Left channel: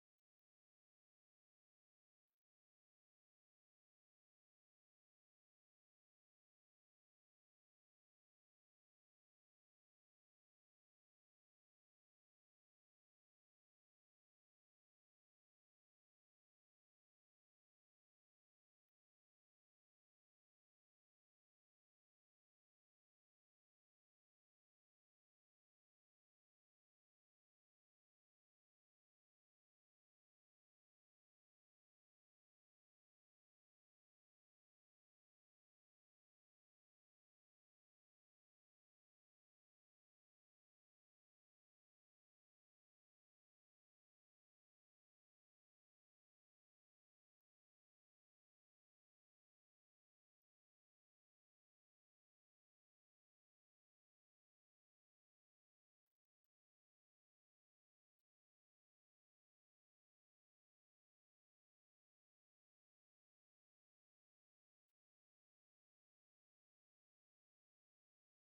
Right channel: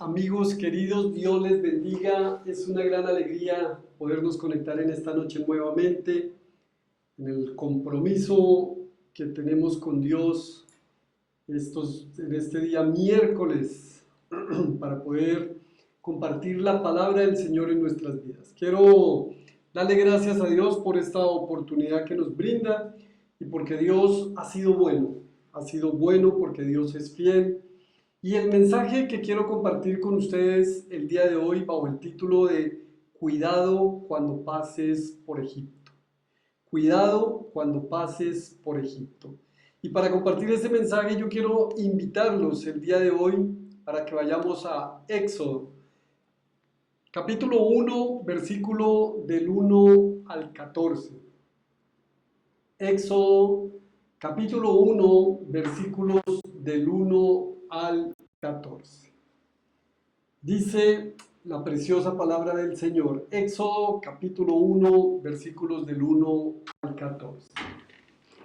amigos queridos, Dios les bendiga. Es una gran alegría podernos conectar en esta noche nuevamente, en el compromiso que tenemos con Dios en este día miércoles para poder compartir la palabra del Señor en nuestras vidas. Quiero darle gracias a Dios por esta oportunidad que nos brinda y porque Dios ha sido bueno porque Dios es fiel. Y el mensaje que quiero compartir con ustedes el día de hoy bajo el título de Cuidado cuando pases por Egipto. Cuidado cuando pases por Egipto. Y para compartir ese mensaje yo quiero invitarlos el día de hoy para que vayamos a Éxodo, capítulo 1, versículo del 1 al 14. Éxodo, capítulo 1, versículos del 1 al 14. Dice la preciosa palabra del Señor, Éxodo capítulo 1, versículos del 1 al 14.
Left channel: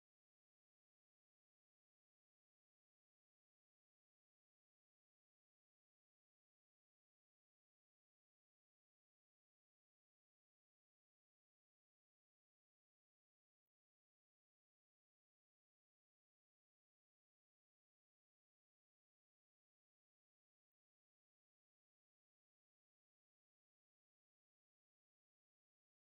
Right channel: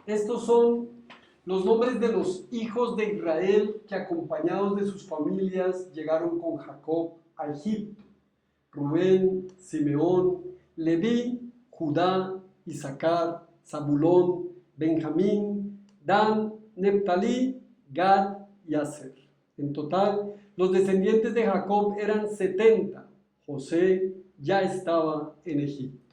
Estos son los nombres de los hijos de Israel que acompañados de sus familias llegaron con Jacob a Egipto. Rubén, Simeón, Leví, Judá, Isaacar, Zabulón, Benjamín, Dan, Neftalí, Gad y Aser. En total, los descendientes de Jacob eran 70. José ya estaba en Egipto.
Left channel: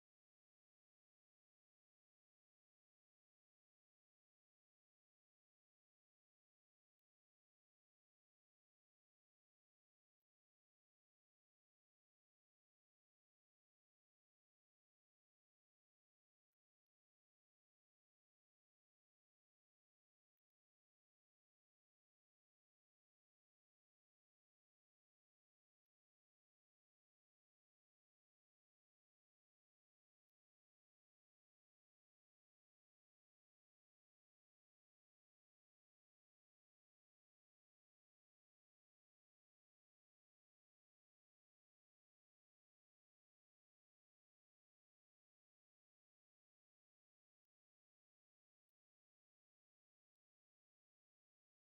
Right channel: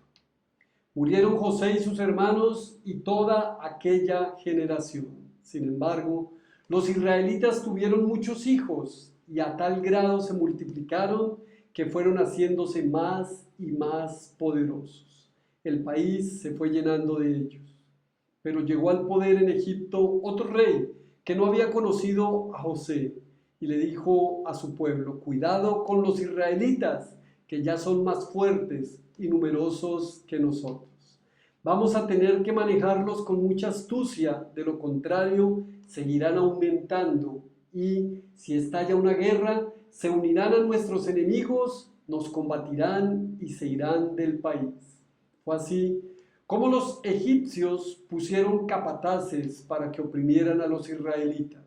Murieron José y sus hermanos y toda aquella generación. Sin embargo, los israelitas tuvieron muchos hijos y a tal grado se multiplicaron que fueron haciéndose más y más poderosos. El país se fue llenando de ellos. Pero llegó al poder en Egipto otro rey que no había conocido a José y le dijo a su pueblo, cuidado con los israelitas, que ya son más fuertes y numerosos que nosotros. Vamos a tener que manejarlos con mucha astucia, de lo contrario seguirán aumentando y si estalla una guerra, se unirán a nuestros enemigos, nos combatirán y se irán del país. Fue así como los egipcios pusieron capataces para que oprimieran a los israelitas.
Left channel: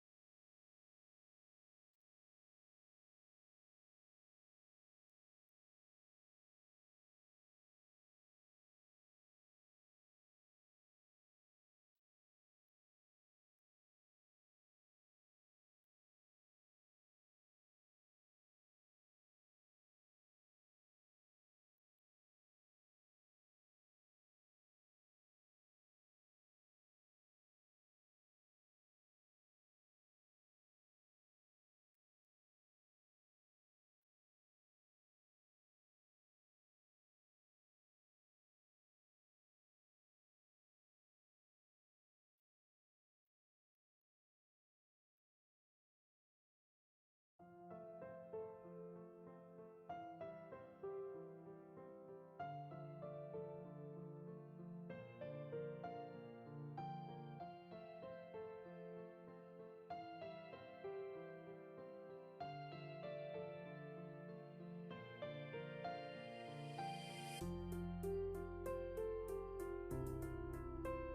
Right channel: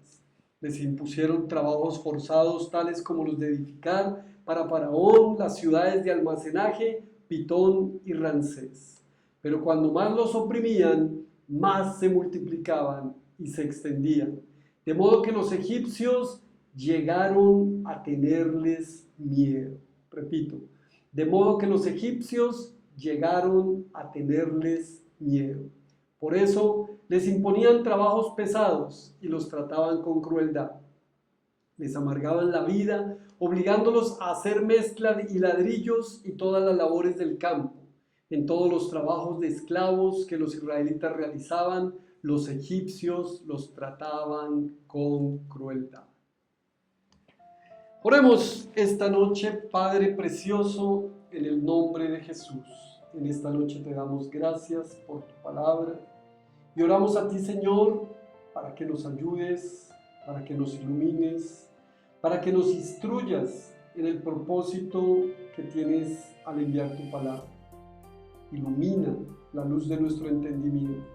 Les impusieron trabajos forzados tales como los de edificar para Faraón las ciudades de almacenaje, Pitón y Ramsés. Pero cuando más los oprimían, más se multiplicaban y se extendían. De modo que los egipcios llegaron a tenerles miedo. Repito, de modo que los egipcios llegaron a tenerles miedo. Por eso les imponían trabajos pesados y los trataban con crueldad. Les amargaban la vida, obligándolos a hacer mezcla y ladrillos y todas las labores del campo. En todos los trabajos de esclavos que los israelitas realizaban, los egipcios los trataban con crueldad. Oremos esta noche, Padre precioso, en el nombre de Jesús. En esta noche te damos gracias por tu palabra y oramos a ti, Señor, para que nos ayudes, para que nos ilumines, para que nos instruyas en el propósito que tienes al enviar tu palabra. Ilumina la luz de nuestro entendimiento.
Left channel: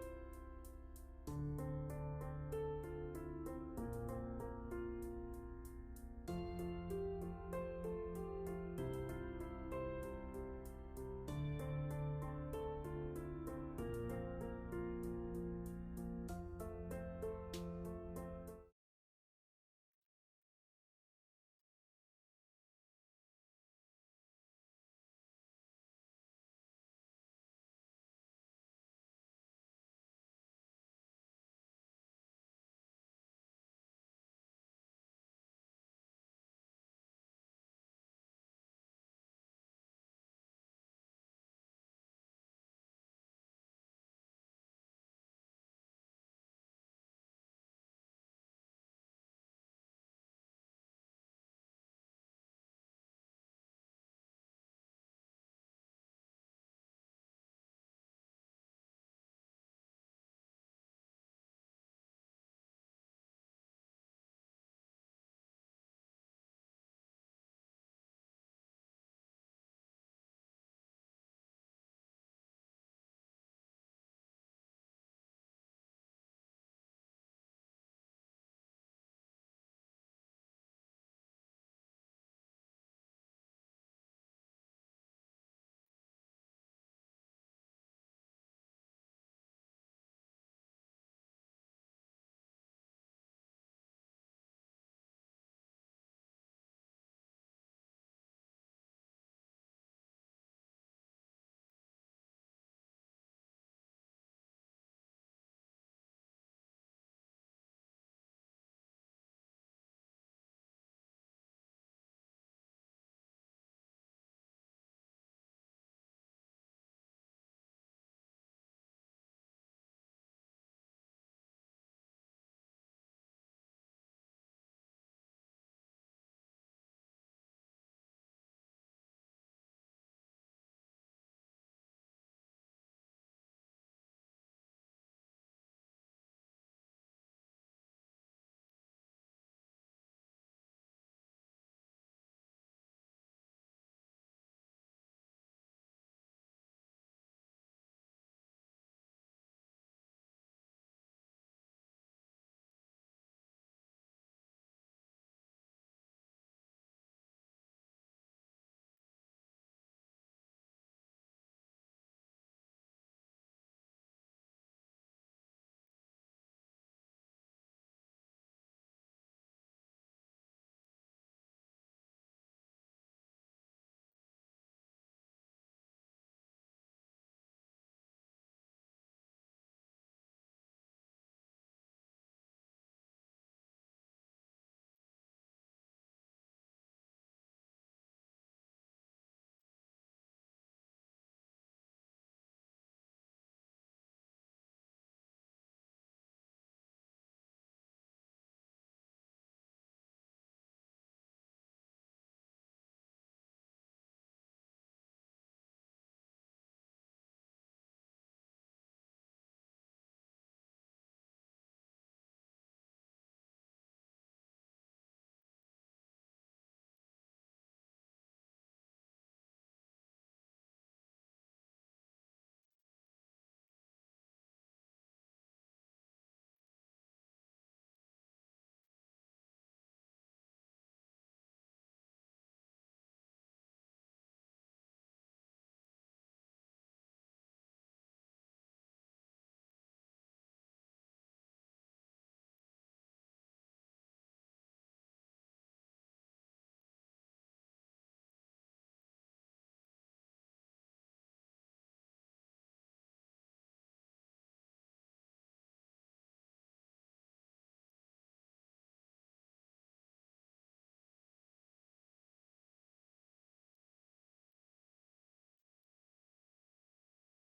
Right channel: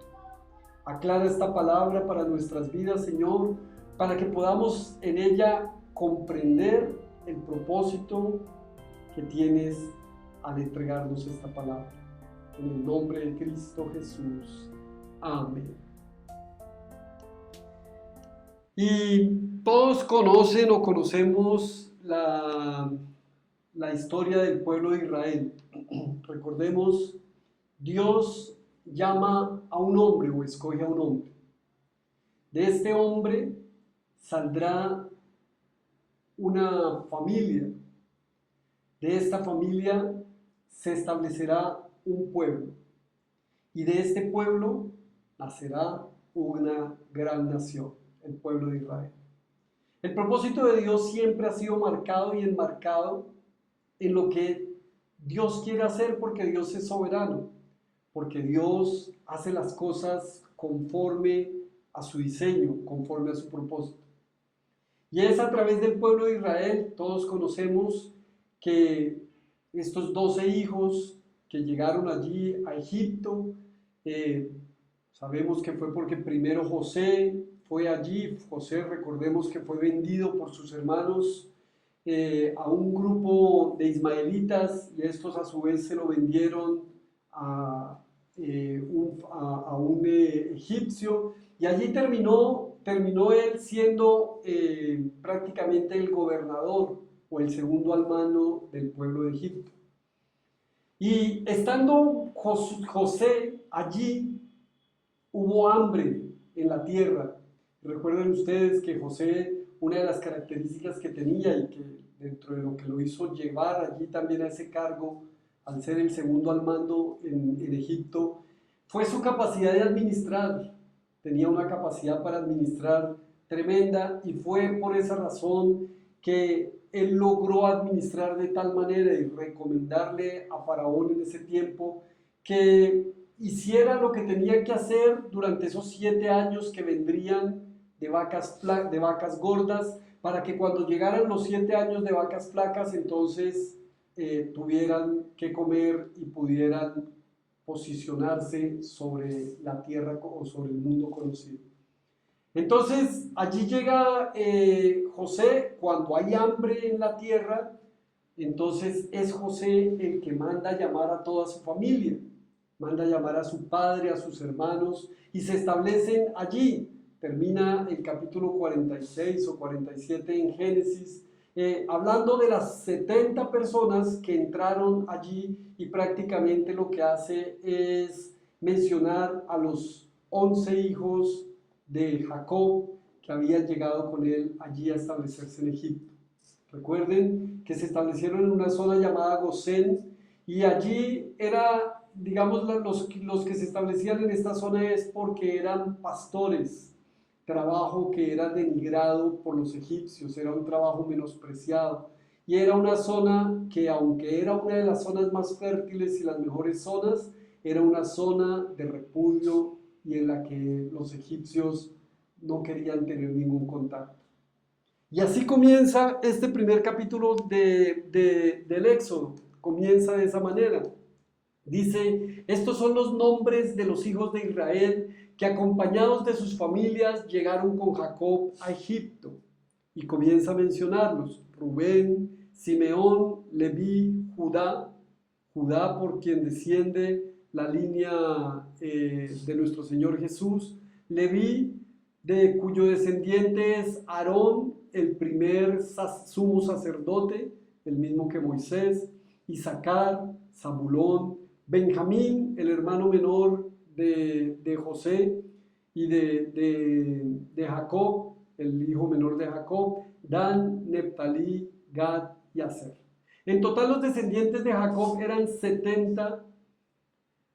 Aclara esta palabra para nuestras vidas, Señor, para que podamos en ella comprender el propósito que tienes al entregarnos esta palabra. En el nombre de Cristo Jesús. Amén. Y todos conocen o conocemos la historia del pueblo de Israel. Recordemos, Dios llama a un hombre o escoge a un hombre. De este hombre saldrá una familia. De esta familia se establecerá un pueblo. Y de este pueblo nacerá una gran nación, el pueblo de Israel. El propósito de Dios siempre ha sido marcado y enmarcado en lo que Dios quiere hacer porque Dios es soberano, porque Dios hace las cosas conforme a su diseño, conforme a su propósito. Y es a través del pueblo de Israel, todos conocemos que estos 12 hijos que llegaron allí a Egipto, sabemos que fue porque primero José fue allí. José, recordemos que fue vendido por sus hermanos a un grupo de ismaelitas y estos a su vez se lo vendieron a, a un egipcio y allí terminó él siendo prácticamente el gobernador o el segundo al mando del pueblo de Egipto. Y estando José allí, hubo hambre en la tierra. Recuerden ustedes que José, una de las características que tenía y que dentro de lo que lo hizo llevar allí también a ese cargo, al ser el segundo al mando en Egipto, fue su capacidad de administrar. Tenía una capacidad para administrar tremenda y fue por esa razón que él logró administrar de tal manera y recomendarle a Faraón en ese tiempo que hiciera lo que tenía que hacer durante esos 7 años que vendrían de vacas gordas, para que cuando llegaran los 7 años de vacas flacas, entonces tuvieran que comer y pudieran posicionarse sobre la tierra o sobre el mundo conocido. Entonces allí llega José cuando hay hambre en la tierra, entonces es José el que manda llamar a toda su familia, manda llamar a su padre, a sus hermanos y se establecen allí. Termina el capítulo 46 o 47 en Génesis, hablando de las 70 personas que entraron allí y prácticamente lo que hace es mencionar a los 11 hijos de Jacob que habían llegado con él allí a establecerse en Egipto. Recuerden que se establecieron en una zona llamada Gosén y allí era, digamos, los que se establecían en esta zona es porque eran pastores, trabajo que era denigrado por los egipcios, era un trabajo menospreciado y era una zona que aunque era una de las zonas más fértiles y las mejores zonas, era una zona de repudio y en la que los egipcios no querían tener ningún contacto. Y así comienza este primer capítulo del Éxodo, comienza de esa manera. Dice, estos son los nombres de los hijos de Israel que acompañados de sus familias llegaron con Jacob a Egipto. Y comienza a mencionarlos, Rubén, Simeón, Leví, Judá, Judá por quien desciende la línea de nuestro Señor Jesús, Leví, de cuyo descendiente es Aarón, el primer sumo sacerdote, el mismo que Moisés, Isaacar, Zabulón, Benjamín, el hermano menor de José y de Jacob, el hijo menor de Jacob, Dan, Neptalí, Gad y Aser. En total los descendientes de Jacob eran 70.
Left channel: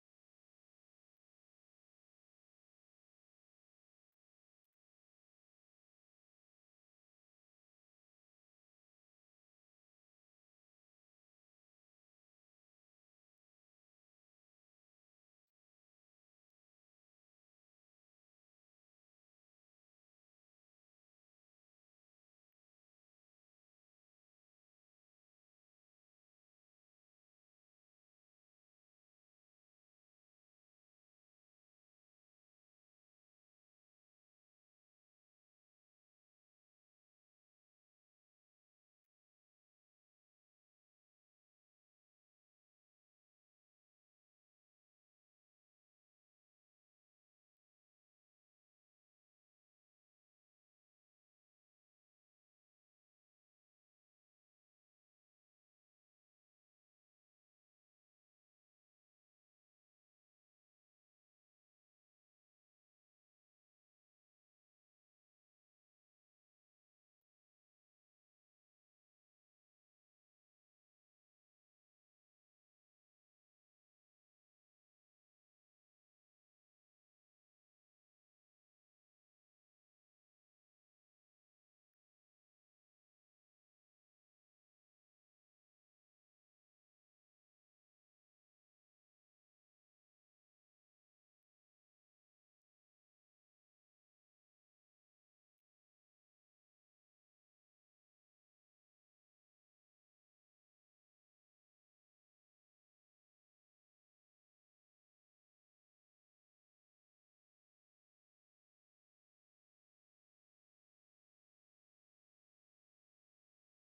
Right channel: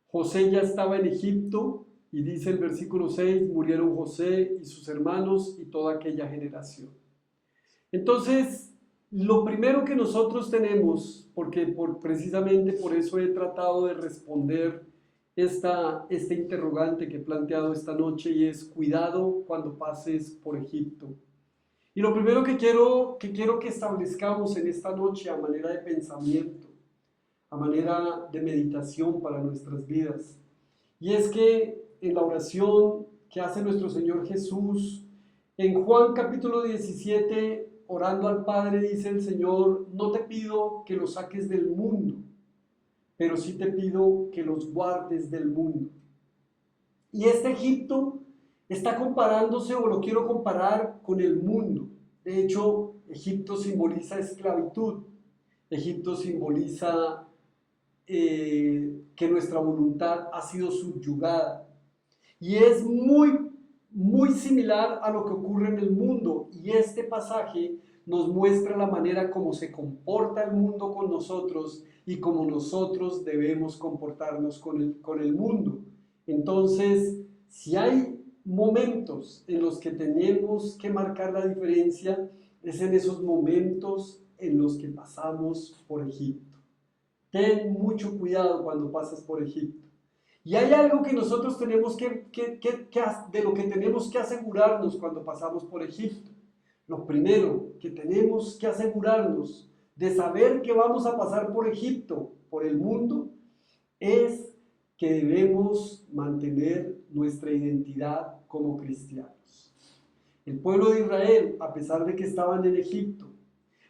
José ya estaba en Egipto y dice el versículo 6, murieron José y sus hermanos y toda aquella generación. Entonces, lo primero que nosotros tenemos, porque precisamente por eso he tratado de responder este interrogante que he planteado esta noche y es cuidado cuando pases por Egipto. Y lo primero que quiero que establezcamos en esta noche a manera de pensamiento, a manera de meditación para nuestras vidas, y es que en la oración que hace nuestro Señor Jesús, en Juan capítulo 17, orando al Padre, dice el Señor, no te pido que los saques del mundo, pero sí te pido que los guardes del mundo. Y este Egipto está comparándose, o lo quiero comparar, con el mundo. De hecho, Egipto simboliza esclavitud. Egipto simboliza que nuestra voluntad ha sido subyugada. Y es muy similar a lo que ocurre en el mundo. Y este pasaje nos muestra la manera como se comporta el mundo con nosotros y cómo nosotros debemos comportarnos con el mundo. Entonces, si hay momentos en los que tenemos que marcar la diferencia, es en esos momentos en los que pasamos por Egipto. Ten mucho cuidado cuando pasas por Egipto. Y hay algo que nosotros tenemos de lo que tenemos que asegurarnos cuando pasamos por Egipto. Lo primero que tenemos que asegurarnos de saber que vamos a pasar por Egipto, por el mundo, es que debemos mantener nuestra identidad como cristianos. El pueblo de Israel, a pesar de que estaban en Egipto,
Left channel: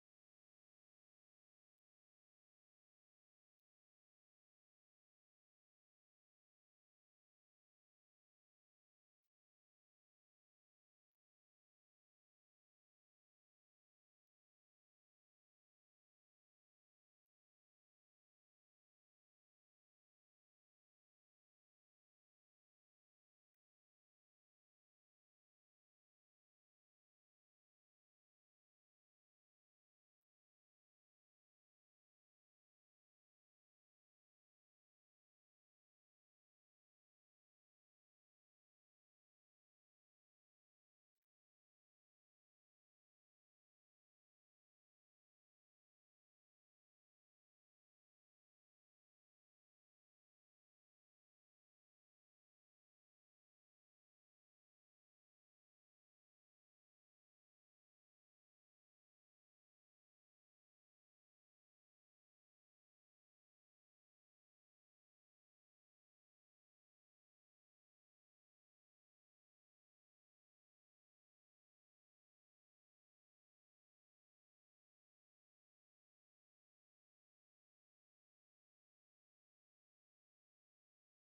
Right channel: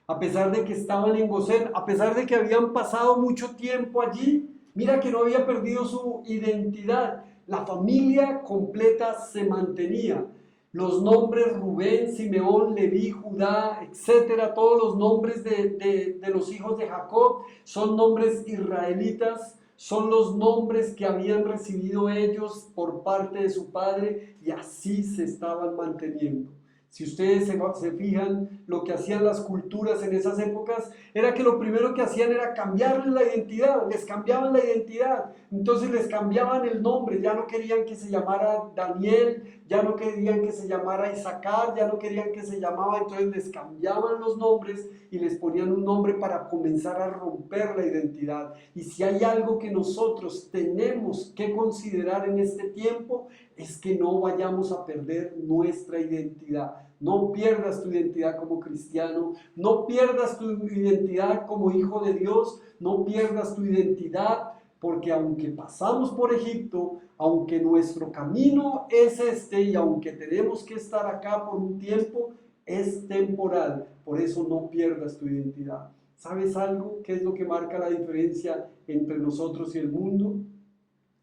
a pesar de que estaban en Gosén, a pesar de que habían pasado mucho tiempo allí, mira que no había perdido su identidad. La familia completa se mantenía. Los nombres Rubén, Simeón, Leví, Judá, etcétera, todos los nombres de los hijos de Jacob son nombres israelitas, son los nombres que habían recibido ellos por parte de su padre y así se estaban manteniendo. Si ustedes se fijan, lo que hacían las culturas en esas épocas era que lo primero que hacían era cambiarles la identidad, les cambiaban la identidad, entonces les cambiaban el nombre, ya no querían que se llamara Daniel, ya no querían que se llamara Isaacar, ya no querían que se llamaba, entonces les cambiaban los nombres y les ponían un nombre para comenzar a romper la identidad. Y si hay algo que nosotros tenemos que considerar en este tiempo, es que no vayamos a perder nuestra identidad. No pierdas tu identidad como cristiano, no pierdas tu identidad como hijo de Dios, no pierdas tu identidad, porque aunque pasamos por Egipto, aunque nuestro camino es este y aunque tenemos que estar acá por un tiempo, es temporal. Por eso no pierdas tu identidad. ¿Sabes algo? ¿Qué es lo que marca la diferencia entre nosotros y el mundo?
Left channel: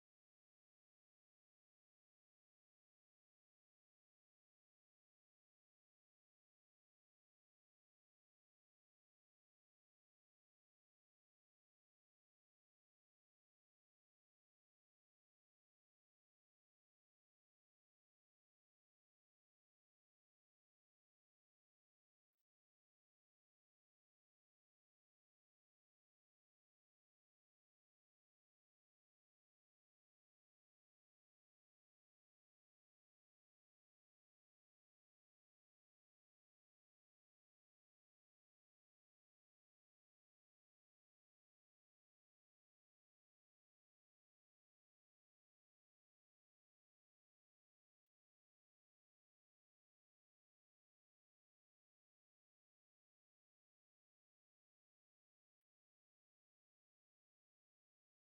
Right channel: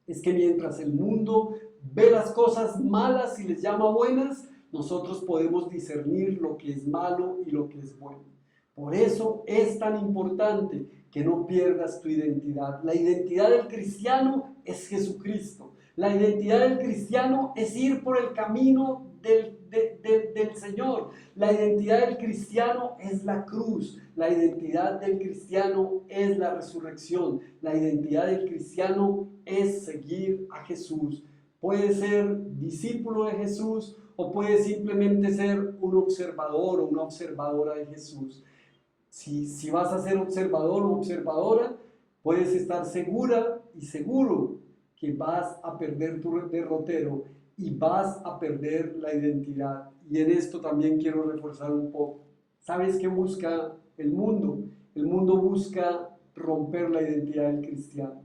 Es que mientras el mundo ve las cosas malas y les llama buenas, nosotros podemos discernir lo que es malo y lo que es bueno. Por eso es tan importante que no pierdas tu identidad. La identidad del cristiano es Jesucristo. La identidad del cristiano es ir por el camino del Señor. La identidad del cristiano es la cruz. La identidad del cristiano es la resurrección. La identidad del cristiano es seguir a Jesús. Puede ser discípulo de Jesús o puede simplemente ser un observador o una observadora de Jesús. Si vas a ser observador o observadora, puedes estar segura y seguro que vas a perder tu derrotero y vas a perder la identidad. Y en esto también quiero reforzar un poco. ¿Sabes qué busca el mundo? El mundo busca romper la identidad del cristiano.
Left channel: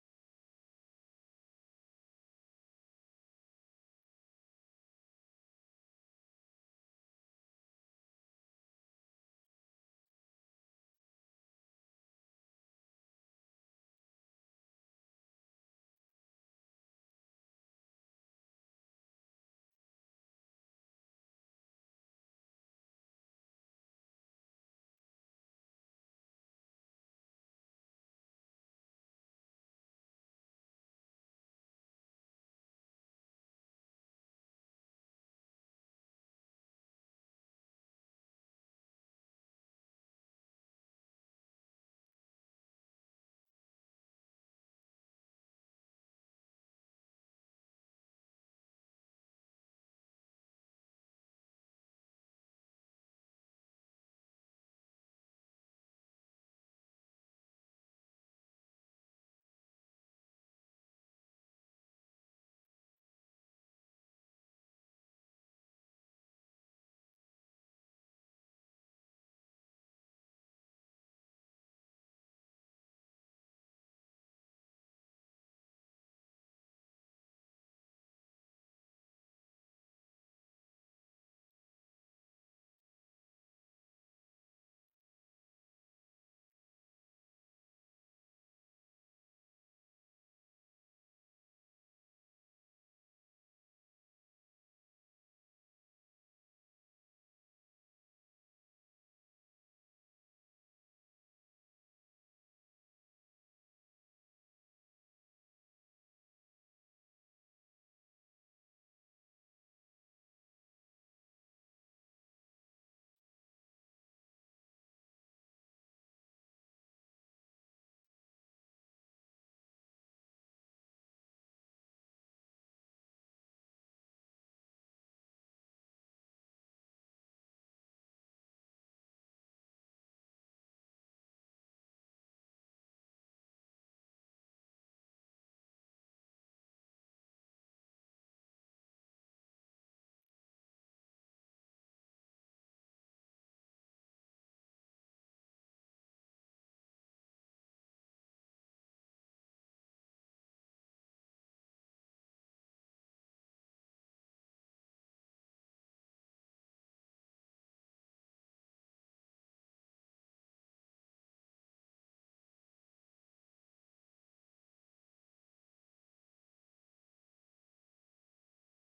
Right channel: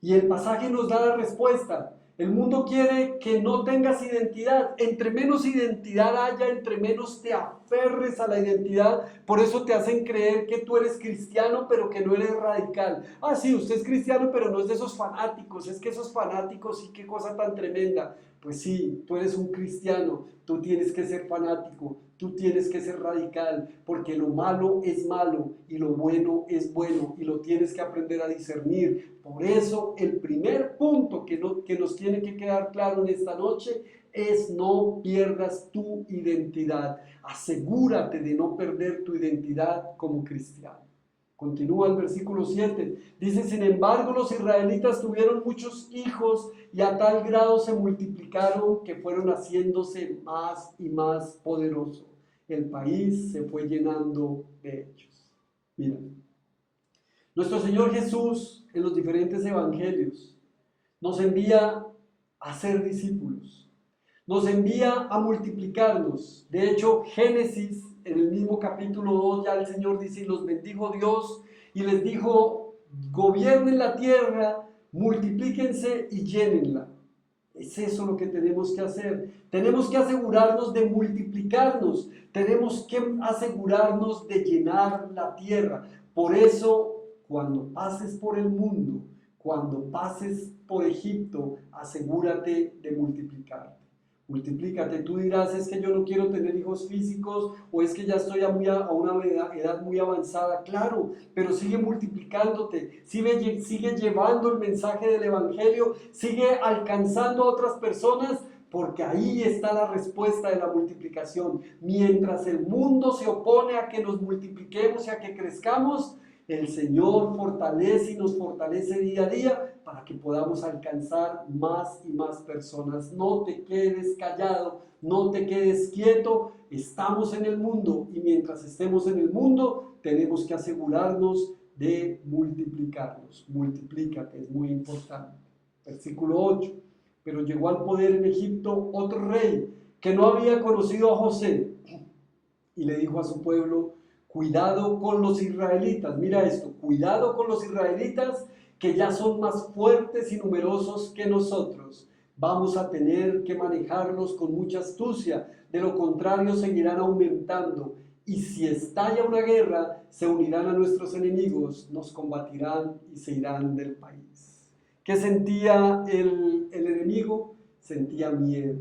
Y el pasaje nos da la respuesta. El mundo quiere que no tengas identidad. Entre menos identidad haya, entre menos te aferres a la identidad. Por eso te hacen creer que tú eres cristiano, pero que no eres radical. Ah, sí, usted es cristiano, pero no es de esos fanáticos. Es que esos fanáticos, sí, qué cosa tan tremenda. Pues sí, tú eres un cristiano. Tú tienes que ser fanático. Tú tienes que ser radical, porque lo malo es malo y lo bueno es bueno y lo tienes que aprender a discernir. Por eso el primer punto que nos tiene que quedar claro en esta noche es no pierdas tu identidad. Asegúrate de no perder tu identidad como cristiano. Continúa el versículo 7. Dice, sin embargo, los israelitas tuvieron muchos hijos y a tal grado se multiplicaron que fueron haciéndose más y más poderosos. El país se fue llenando de ellos. Mira, nuestro Señor Jesús en los diferentes evangelios nos envía a ser discípulos, nos envía a multiplicarnos. De hecho, Génesis, en el mismo capítulo 2, ya el Señor dice, y los bendijo Dios y les dijo, gobiernen la tierra, multiplíquense y llénenla. Es eso lo que tenemos que hacer. Tenemos que asegurarnos de multiplicarnos. Tenemos que asegurarnos de llenar la tierra. Por eso, cuando pases por el mundo, cuando pases por Egipto, asegúrate de multiplicarte. Multiplícate. Tú dirás, es que yo no quiero tener hijos físicos o es que ya estoy a una edad muy avanzada. Claro, pero sigue multiplicándote, sigue llevando el mensaje del Evangelio, sigue alcanzando a otras personas, porque ahí está la respuesta de la multiplicación. Mientras el mundo se opone a que nos multipliquemos y a que crezcamos, el Señor fortalece y nos fortalece día a día para que podamos alcanzar más y más personas. No te quedes callado, no te quedes quieto. Estamos en el mundo y mientras estemos en el mundo tenemos que asegurarnos de multiplicarnos. Multiplícate, es muy importante. Versículo 8. Pero llegó al poder en Egipto otro rey que no había conocido a José y le dijo a su pueblo, cuidado con los israelitas. Mira esto, cuidado con los israelitas que ya son más fuertes y numerosos que nosotros. Vamos a tener que manejarlos con mucha astucia, de lo contrario seguirán aumentando y si estalla una guerra, se unirán a nuestros enemigos, nos combatirán y se irán del país. ¿Qué sentía el enemigo? Sentía miedo.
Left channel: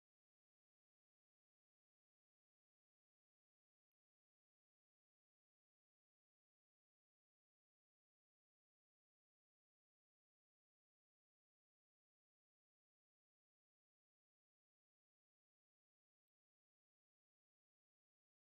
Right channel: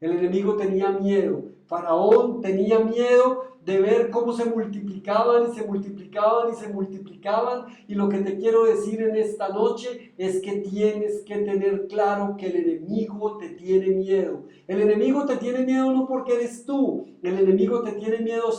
El enemigo tenía miedo. Faraón tenía miedo de ver cómo se multiplicaban y se multiplicaban y se multiplicaban. Y lo que te quiero decir en esta noche es que tienes que tener claro que el enemigo te tiene miedo. El enemigo te tiene miedo no porque eres tú. El enemigo te tiene miedo,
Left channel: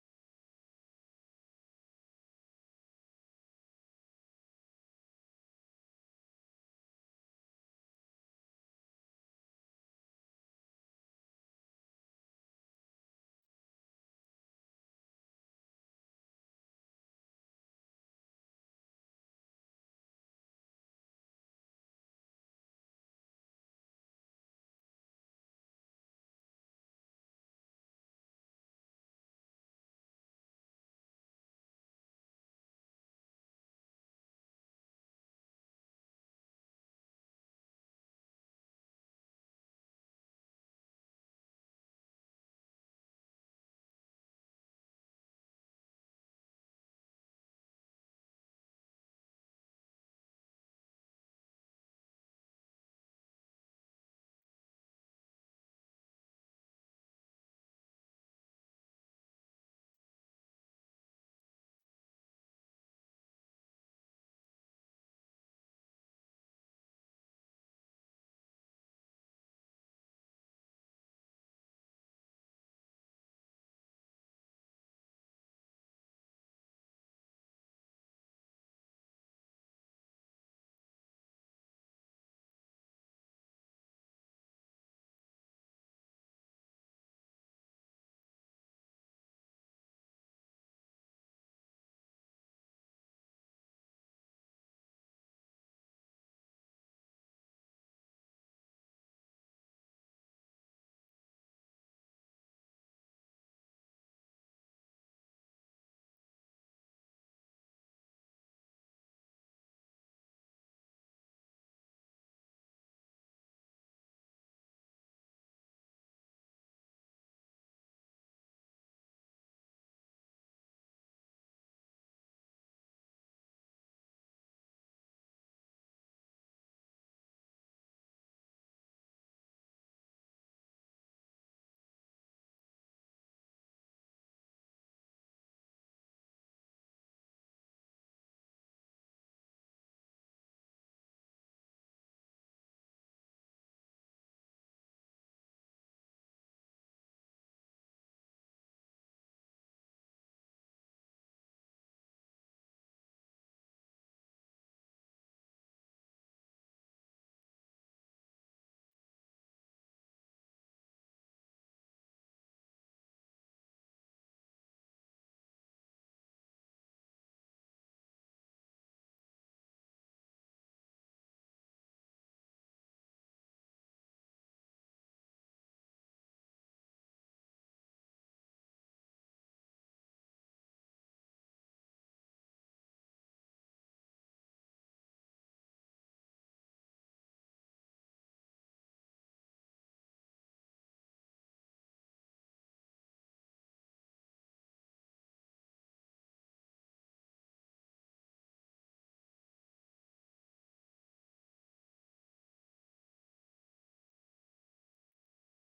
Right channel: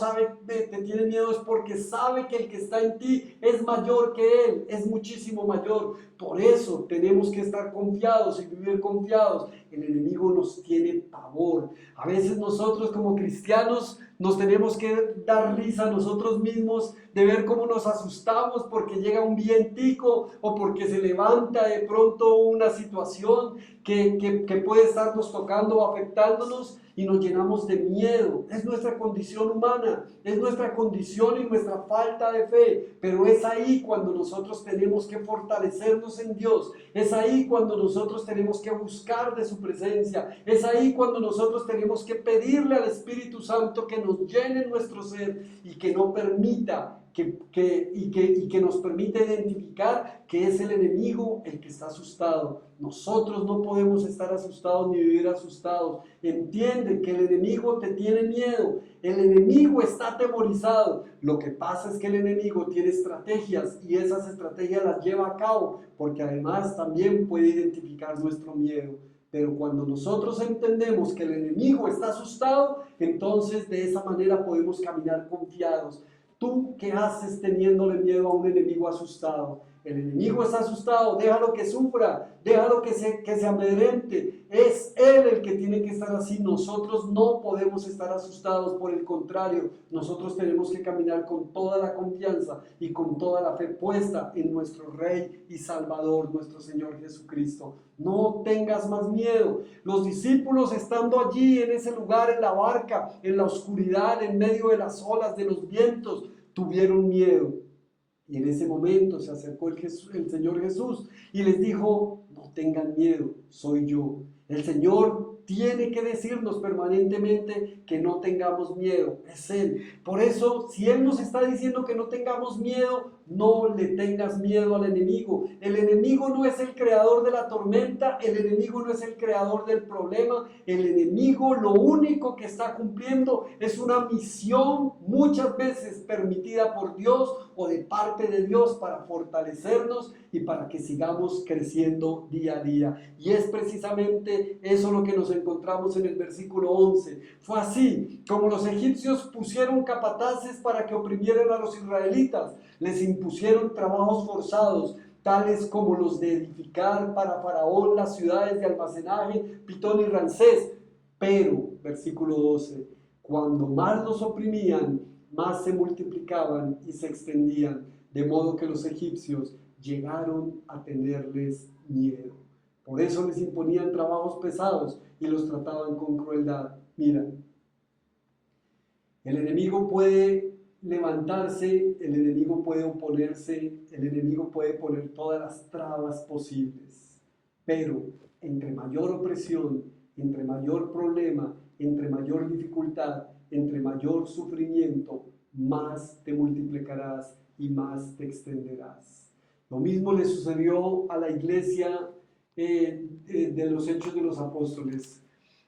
te tiene miedo es porque sabe que el que está en ti es mayor que él, es muchísimo mayor. Por eso tenemos que estar confiados y vivir confiados. El enemigo nos tiene pavor. A veces nosotros como cristianos nos tenemos que dar risa a nosotros mismos de ver cómo nos asustamos porque llega un vientico o porque se levanta de pronto una situación que puede estarnos tocando o afectándonos y nos llenamos de miedo. Es nuestra condición humana, es nuestra condición y nuestra falta de fe, pero es ahí cuando nosotros tenemos que fortalecernos en Dios, es ahí cuando nosotros tenemos que buscar de su presencia, es ahí cuando nosotros tenemos que pedirle al Espíritu Santo que nos llene nuestro ser y que no permita que nos permite identificar que es el enemigo el que está asustado. Nosotros no podemos estar asustados ni vivir asustados. Entiende que el enemigo te tiene miedo, el enemigo está atemorizado. Lo que pasa es que el enemigo tiene estrategias y esas estrategias las lleva a cabo porque además también puede identificar nuestro miedo. Pero cuando nosotros entendemos que el enemigo está asustado, entonces de esa manera podemos caminar confiados. ¿Tú qué haces teniéndole miedo a un enemigo asustado? El enemigo está asustado, déjalo que sufra, déjalo que se amedrente. Es él el que tiene que estar así. Nosotros no podemos estar asustados, por el contrario, nosotros tenemos que caminar con toda la confianza y con toda la fe puesta en nuestro Rey y Salvador, nuestro Señor Jesucristo. No tengas más miedo. Los discípulos estando allí en ese lugar, en la barca, en la oscuridad, en medio de las olas, de los vientos, tuvieron miedo. Y en ese momento se acercó el Señor Jesús y les dijo, no tengan miedo, soy yo. El Señor tiene que decirnos permanentemente que no tengamos miedo, es Él. Por eso, si Él nos está diciendo que no tengamos miedo, no le tengas miedo al enemigo. El enemigo no es el creador de la tormenta, el enemigo no es el creador del problema. El enemigo lo único que está cumpliendo es una misión muchas veces permitida por Dios o de parte de Dios para fortalecernos y para que sigamos creciendo día a día. Y es precisamente eso lo que nos encontramos en el versículo 11. Fue así como los egipcios pusieron capataces para que oprimieran a los israelitas. Les impusieron trabajos forzados, tales como los de edificar para Faraón las ciudades de almacenaje, Pitón y Ramsés. Pero, versículo 12, cuando más los oprimían, más se multiplicaban y se extendían, de modo que los egipcios llegaron a tenerles miedo. Por eso les imponían trabajos pesados y los trataban con crueldad. Mira, el enemigo puede levantarse, el enemigo puede oponerse, el enemigo puede poner todas las trabas posibles, pero entre mayor opresión, entre mayor problema, entre mayor dificultad, entre mayor sufrimiento, más te multiplicarás y más te extenderás. Lo mismo le sucedió a la iglesia de los Hechos de los Apóstoles.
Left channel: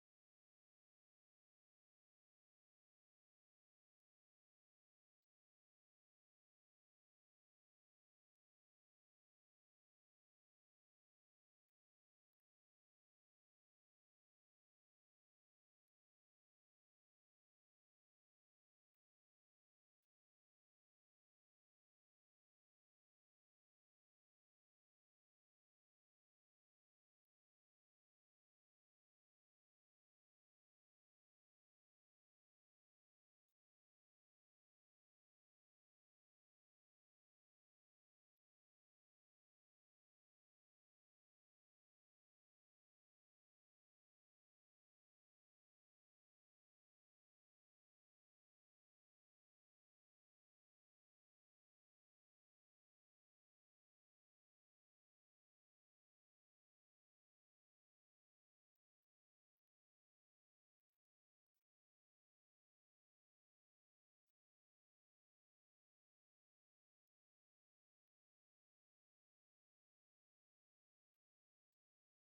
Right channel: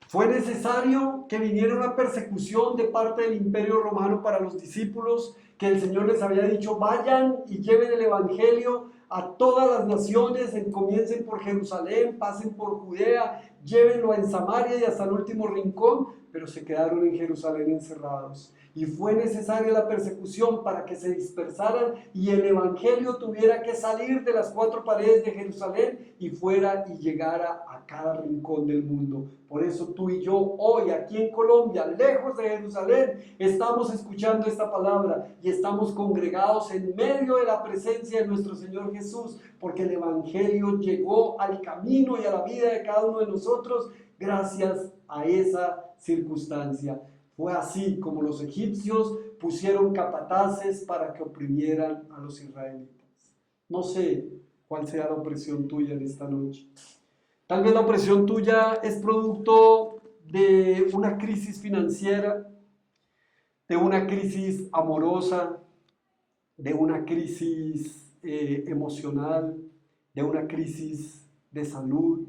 Fue necesario que viniera una persecución de parte del Imperio Romano para los discípulos, que el Señor les había dicho, vayan y lleven el Evangelio a todas las naciones, comiencen por Jerusalén, pasen por Judea, llévenlo en Samaria y hasta el último rincón, pero se quedaron en Jerusalén encerrados. Y fue necesaria la persecución para que se dispersaran y el Evangelio tuviera que salir de las cuatro paredes de Jerusalén y fuera y llegara a cada rincón del mundo. Por eso tú y yo hoy aquí en Colombia, lejos de Jerusalén, estamos escuchando esta palabra y estamos congregados en medio de la presencia de nuestro Señor Jesús, porque el Evangelio llegó al camino y a la vida de cada uno de nosotros gracias a esa circunstancia. Fue así como los egipcios pusieron capataces para que oprimieran a los israelitas. No sé cuál sea la opresión tuya en esta noche. Tal vez la opresión tuya es producto de una crisis financiera, de una crisis amorosa, de una crisis emocional, de una crisis de salud,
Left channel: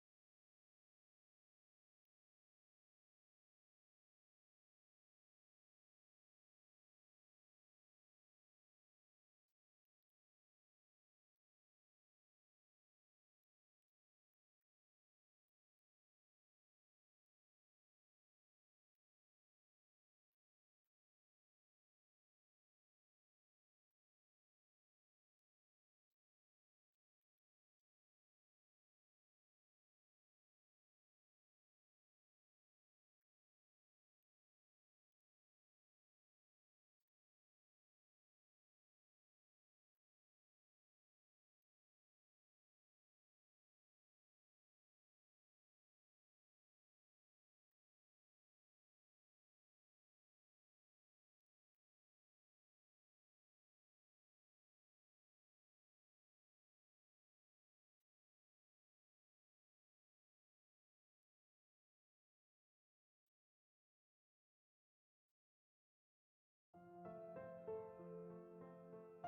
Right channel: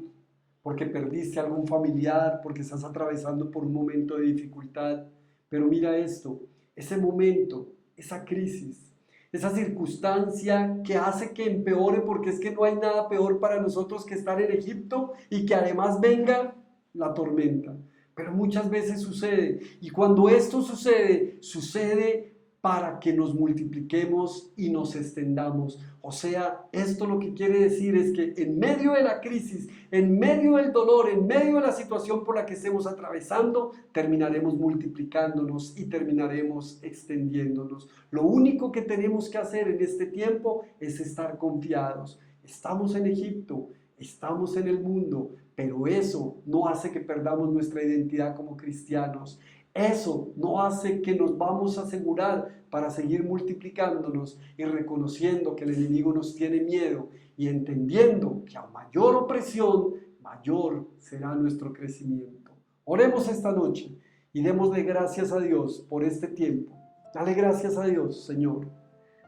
porque perdiste a algún familiar, porque estás atravesando por un momento de dificultad. Pero mira esto, ese momento, esa crisis, esa circunstancia que hace que empeore, porque es que no hay nada peor para nosotros que estar en Egipto y que además venga la tormenta. Pero muchas veces sucede, y cuando esto sucede, sucede para que nos multipliquemos y nos extendamos. O sea, esto lo que quiere decir es que en medio de la crisis, en medio del dolor, en medio de la situación por la que estemos atravesando, terminaremos multiplicándonos y terminaremos extendiéndonos. Lo único que tenemos que hacer en este tiempo es estar confiados. Estamos en Egipto, estamos en el mundo, pero eso no hace que perdamos nuestra identidad como cristianos. Eso no hace que nos vamos a asegurar para seguir multiplicándonos y reconociendo que el enemigo nos tiene miedo y entendiendo que a mayor opresión, mayor será nuestro crecimiento. Oremos esta noche y démosle gracias a Dios por este tiempo. Dale gracias a Dios, Señor.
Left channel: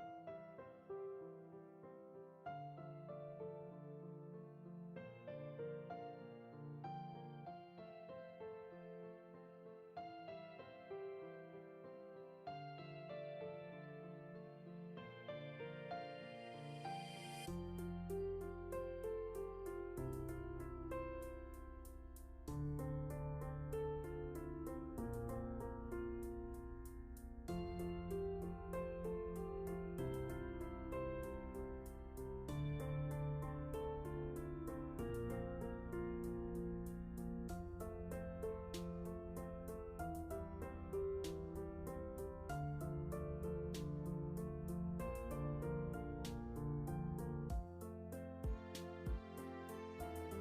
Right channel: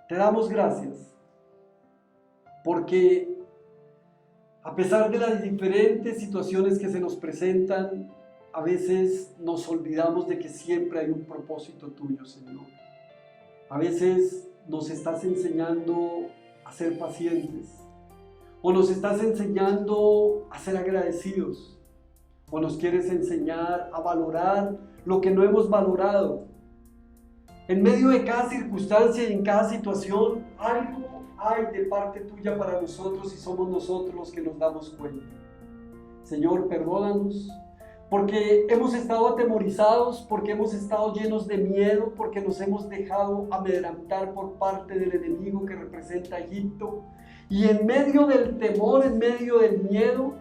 Te damos gracias porque a pesar de las diferentes situaciones que se nos presentan, a veces nos olvidamos de que siempre hay un propósito tuyo, Señor. A veces nos estás enseñando a ser pacientes, o nos estás enseñando a ser agradecidos, o nos quieres enseñar a valorar lo que no hemos valorado. En medio de cada circunstancia y en cada situación, algo hay de parte tuya para nosotros y somos nosotros los que nos damos cuenta. Señor, perdónanos, porque hemos estado atemorizados, porque hemos estado llenos de miedo, porque nos hemos dejado amedrentar por parte del enemigo que representa Egipto. Y en medio del temor, en medio del miedo,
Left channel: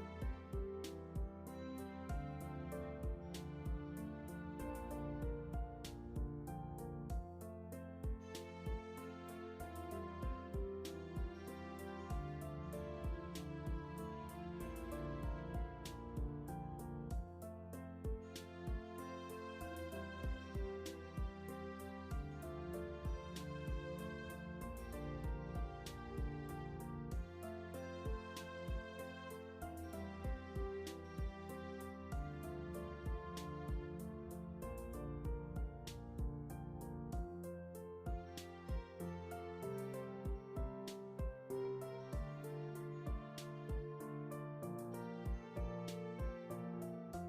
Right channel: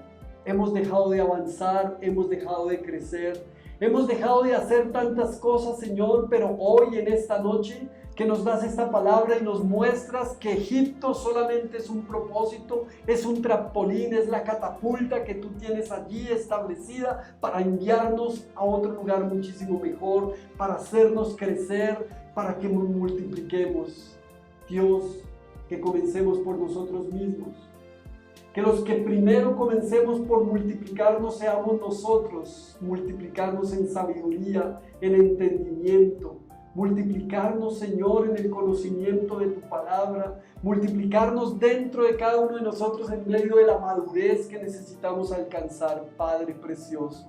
hemos dejado de avanzar, hemos dejado de crecer, hemos dejado de hacer tantas cosas, Señor, pero hoy en esta noche que nos das esta palabra y nos muestras que Egipto solamente es un propósito, es un trampolín, es la catapulta que tú tienes allí establecida para enviarnos a otro lugar muchísimo mejor, para hacernos crecer, para que nos multipliquemos. Dios, que comencemos por nosotros mismos. Que los que primero comencemos por multiplicarnos seamos nosotros, multiplicarnos en sabiduría, en entendimiento, multiplicarnos, Señor, en el conocimiento de tu palabra, multiplicarnos dentro de cada uno de nosotros en medio de la madurez que necesitamos alcanzar, Padre precioso.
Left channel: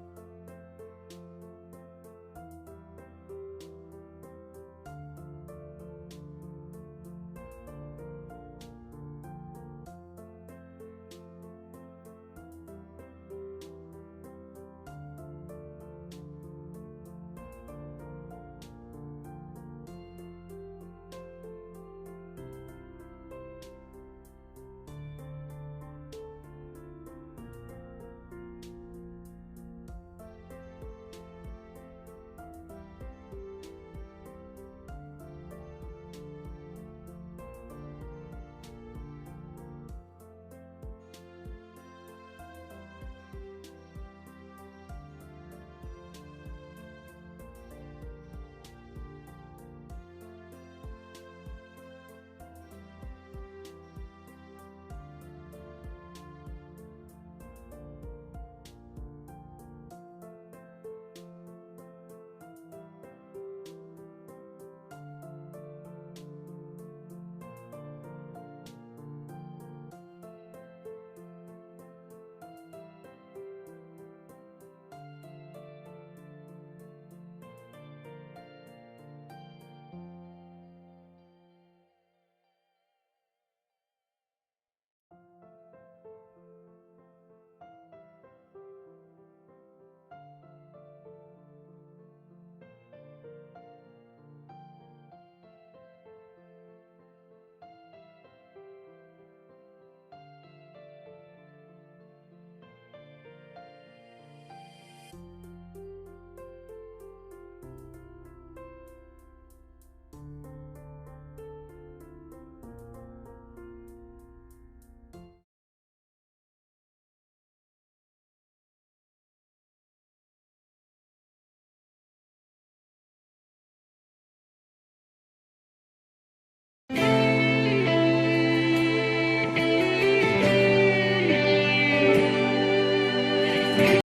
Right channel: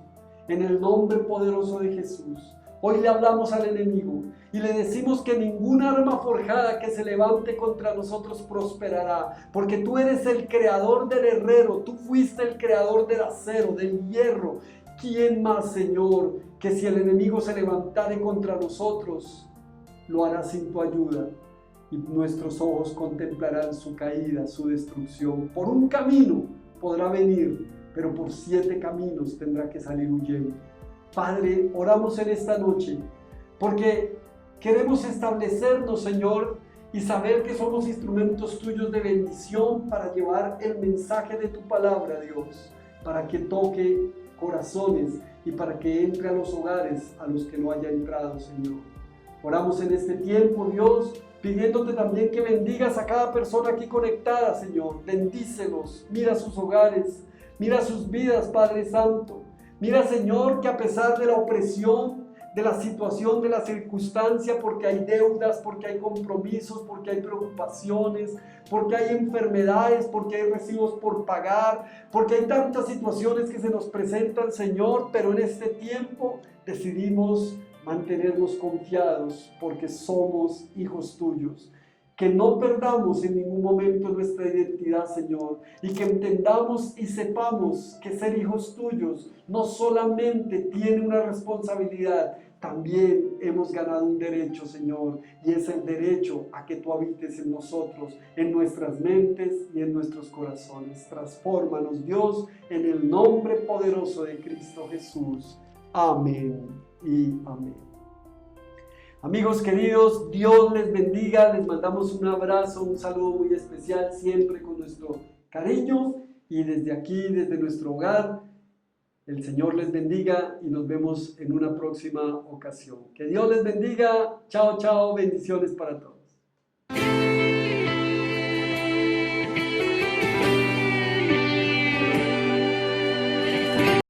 En el nombre poderoso de Jesús, hoy le hablamos al enemigo y le decimos que ninguna arma forjada que se levante contra nosotros prosperará, porque tú eres el creador del herrero, tú fuiste el creador del acero, del hierro. ¿Quién más, Señor, que si el enemigo se levantare contra nosotros, lo hará sin tu ayuda? Y nuestros ojos contemplarán su caída, su destrucción. Por un camino podrá venir, pero por 7 caminos tendrá que salir huyendo. Padre, oramos en esta noche, porque queremos establecernos, Señor, y saber que somos instrumentos tuyos de bendición para llevar el mensaje de tu palabra, Dios, para que toque corazones y para que entre a los hogares a los que no haya entrado, Señor. Oramos en este tiempo, Dios, pidiéndote también que bendigas a cada persona aquí conectada, Señor. Bendícelos, mira sus hogares, mira sus vidas, Padre Santo. Mira, Señor, que a pesar de la opresión, de la situación, de la circunstancia, porque hay deudas, porque hay compromisos, porque hay preocupaciones, porque hay enfermedades, porque hay recibos por pagar, porque hay tantas situaciones que se nos presentan, Señor, pero en este tiempo decidimos mantenernos confiados porque somos hijos tuyos. Que no perdamos en ningún momento nuestra identidad, Señor, y que entendamos y sepamos que ser hijos tuyos no solamente tiene una responsabilidad, también hemos ganado un derecho, Señor, y es el derecho a que tú habites en nosotros, en nuestras mentes y en nuestros corazones. Transfórmanos, Dios, en el nombre poderoso de Cristo Jesús. Amén y amén. Amigos queridos, Dios les bendiga, les mandamos un abrazo, un saludo muy especial, siempre con nuestro cariño, y desde aquí, desde nuestro hogar, El Señor les bendiga y nos vemos en una próxima ocasión. Que Dios les bendiga. Chao, chao. Bendiciones para todos.